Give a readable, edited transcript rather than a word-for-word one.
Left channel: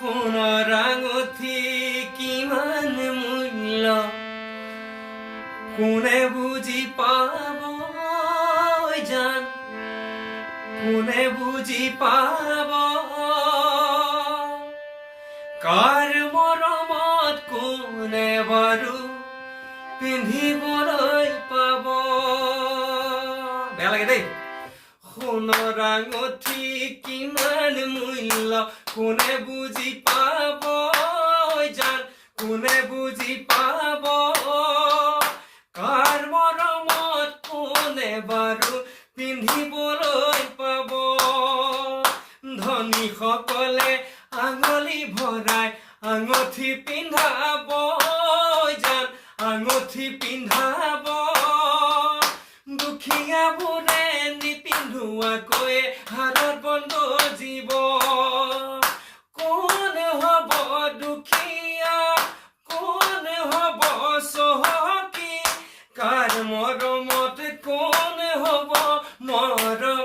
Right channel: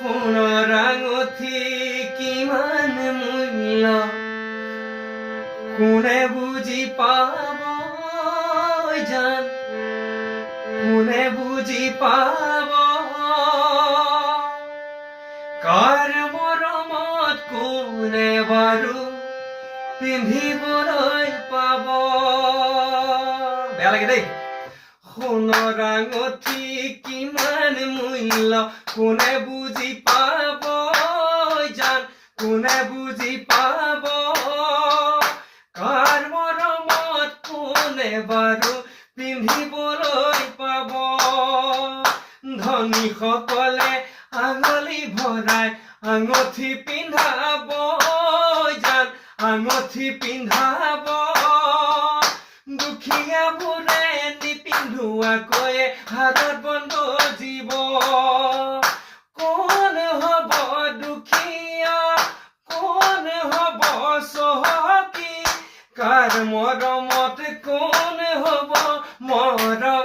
সোণৰ আঙঠি কিমান মূল্য কোনে বুজি পাব জান, কোনে বুজি পাব কাৰ মৰমত কোনে বাৰু পিন্ধিবলৈ পাব। বেয়া লাগে দেই। সোণৰ আঙঠি কিমান মূল্য কোনে বুজি পাব জান, কোনে বুজি পাব কাৰ মৰমত কোনে বাৰু পিন্ধিবলৈ পাব। ধনীসকলে আঙুলি ভৰাই আঙঠি পিন্ধাব জান, আঙঠি পিন্ধাব দুখীয়াবোৰে নিপিন্ধোৱাকৈয়ে হাতত বন্ধ জীৱ। কোন হ'ব দুখীয়া, কোন হ'ব চহকী, কাৰ মৰমত কোন হ'ব মৰম